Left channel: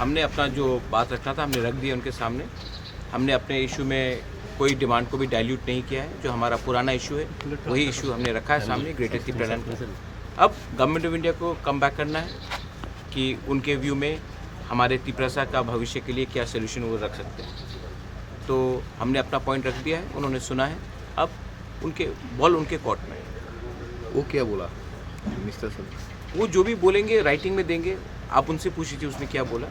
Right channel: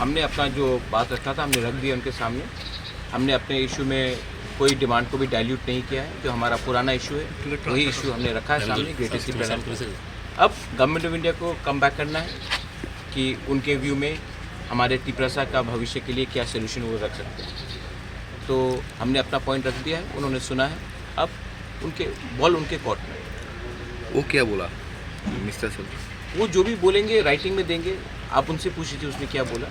हमने अपना जो बात रखा था हमने रख दिया उनके सामने। हमने अपने इशू में कोई डिमांड को भी डाइल्यूट नहीं किया है। जो हमारा पुराना इशू है वही इशू हमने रखा है सामने ग्रेटर टिपरालैंड को। अब गवर्नमेंट ऑफ इंडिया को कम बैक करना है कि उनके व्यू में हमारे टिपरासा का भविष्य के लिए क्या सोल्यूशन वो रख सकते हैं। तो हमने अपना पॉइंट रख दिया है, उन्होंने सुना है। अब उनके बॉल उनके कोर्ट में। वो क्या बोला मिस्टर सर? वो जो भी बोलेंगे राइटिंग में देंगे, आप उनसे पूछ लीजिए उसने क्या बोला।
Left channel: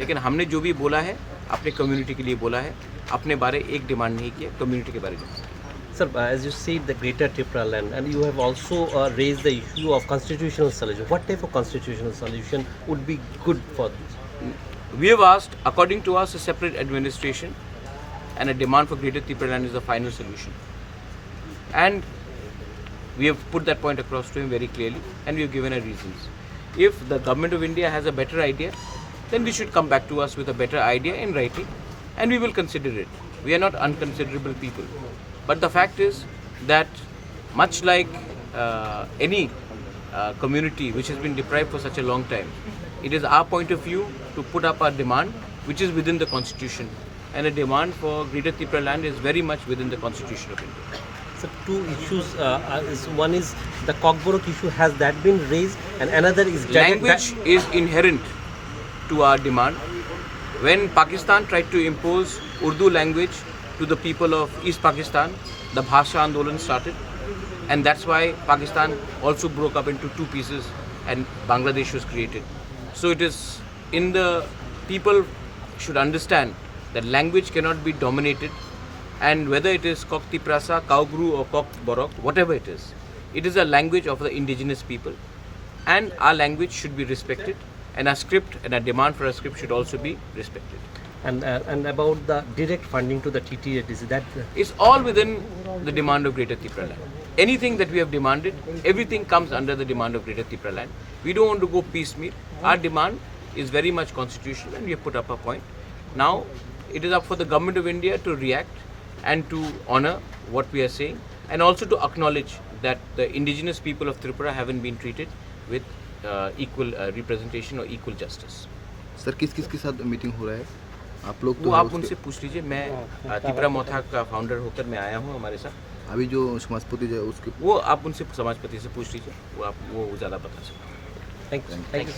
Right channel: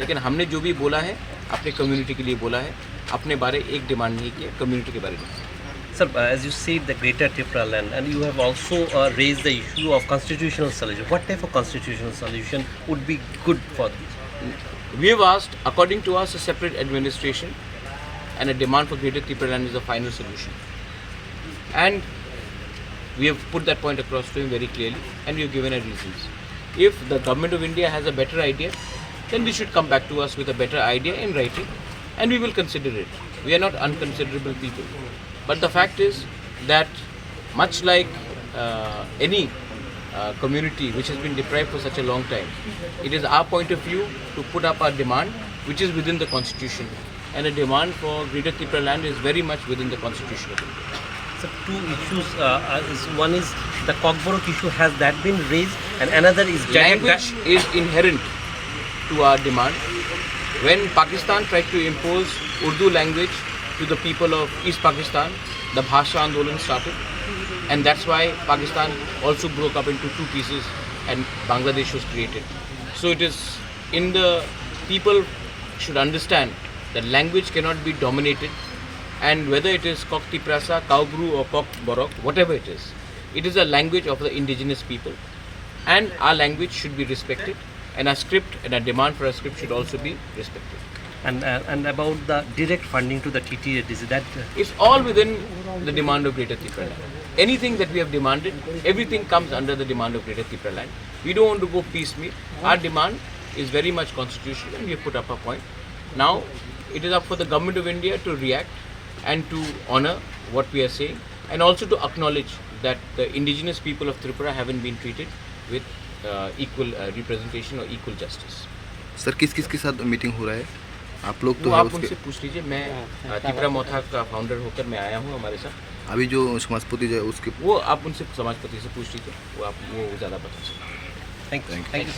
लेकिन हमने जो भी बोला है अपने कम्युनिटी के लिए बोला है, अपने बारे एक डिमांड नहीं किया, कम्युनिटी के बारे में। Sir, as you said, the Greater Tipraland, and you have also raised the issue of constitutional solution. What type of constitutional solution would be good for this? We have asked, according to us, a separate administration and a demand for Greater Tipraland is the final solution. And we have put that point across to him very clearly, and we have given our reasons. If the government of India has a better idea, then they should come back to us with a better idea in writing, and we will consider it. We are not unconsiderable people. But the fact is that much like any community which has been deprived for such a long time, it is our point of view to put up our demand which is within the constitution, and a demand for Greater Tipraland is very much within the constitution of India. So, two issues. One is the KOKBOROK issue. Has that been raised? And another is language is inherent to our demand. When Pakistan tried to impose Urdu language to the people of East Pakistan, the Bhasha Andolan started, and that's why Pakistan also broke up into two pieces and Bangladesh was created. So it is in the people should understand that language cannot be dominated, and whether it is KOKTIPRASA, KOKBOROK or KOKBOROK, whatever it is a language of the indigenous people, and our language should be respected, and our script and our demand for a script should also be respected. and about the direct funding to the TTA, is that It's all within the demand of Greater Tipraland. Anything that we have demanded, everything comes under the demand of Greater Tipraland. We don't want to go piecemeal. Our demand is very much constitutional, and we have put up a point. Now, it is up for the government of India to react and to honor what we are saying, and also to acknowledge that the indigenous people of Tripura haven't been treated with equal representation or equal justice. Sir किस किस के साथ meeting हो रहा है? आप लोग वो तो आप उनसे पूछ लीजिए। मैं त्रिपुरा मोथा का फाउंडर होकर मैं आया हूँ हमारे साथ। अभी जो समाजपति जो है उसके वो आप उनसे समाजपति से पूछ लीजिए, वो ज़्यादा बता सकते हैं। thank you.